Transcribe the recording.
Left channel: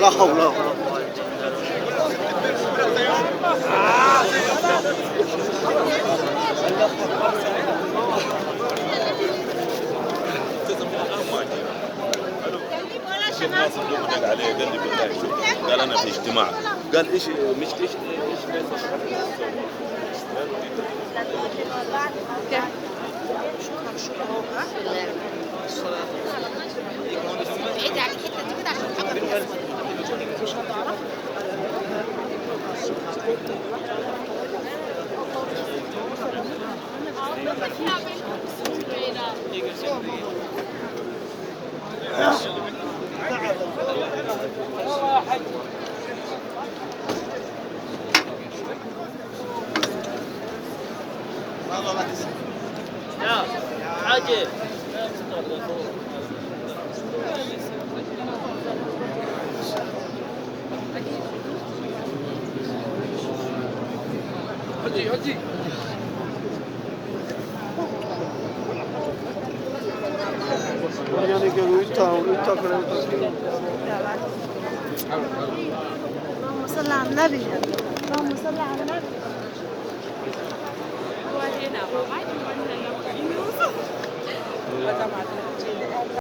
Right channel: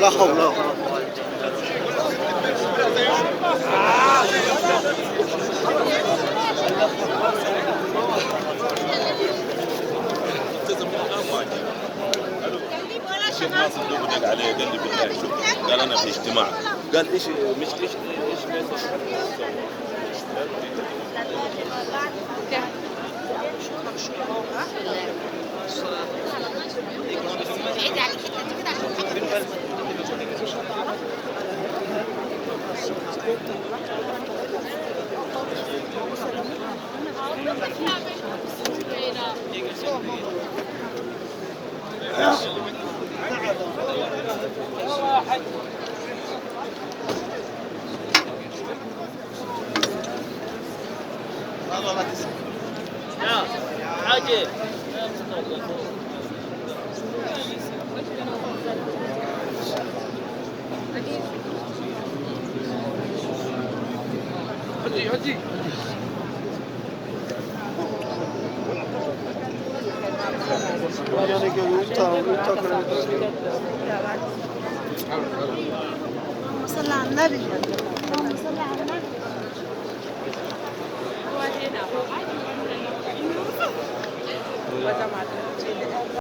لا حول ولا قوة. الشيخ ناصر دوب دق عليه قال لي بالله شوف، قال انا في اجتماع، قال ايش مش يعني قالوا انت اللهم صل على النبي. اللهم صل على النبي.